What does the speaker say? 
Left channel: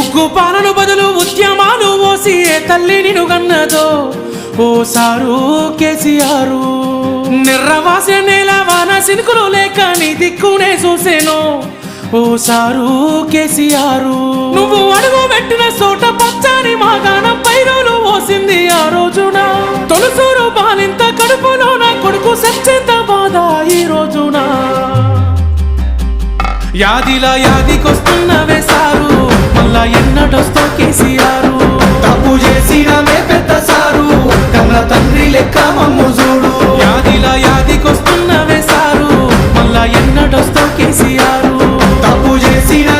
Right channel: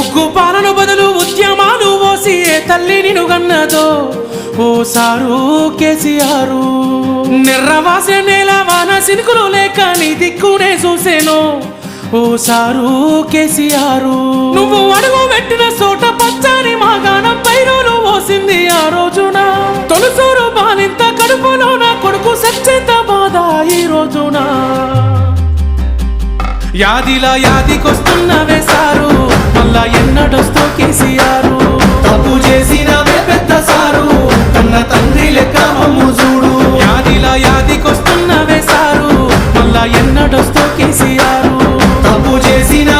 ఉగ్గు పాలను బదులు ఉద్యమాలు ఓసి ఏ తల్లి నిన్ను గన్నదో ఓ సారు కేసీఆర్. నిర్రవాసే నేల వాన సినుకులు లేక నీ దిక్కునే చూసేను ఓ సారు కేసీఆర్. నువ్వు అడుగు పెట్టిన చోట పచ్చని మాగాణం పైరులు ఓసింది ఆ రోజున. తొలుసూరు బాలింత కడుపులో నా కొడుకు సచ్చేంత బాధ ఈ రోజున. యాదిలా యాదికొస్తున్నవే సారు మళ్ళా ఎన్నడొస్తో కేసీఆర్. తప్పు చేసినవే పెద్ద సారు కన్న తండ్రి లెక్క మమ్ము చూడు. యాదిలా యాదికొస్తున్నవే సారు మళ్ళా ఎన్నడొస్తో కేసీఆర్. తప్పు చేసిన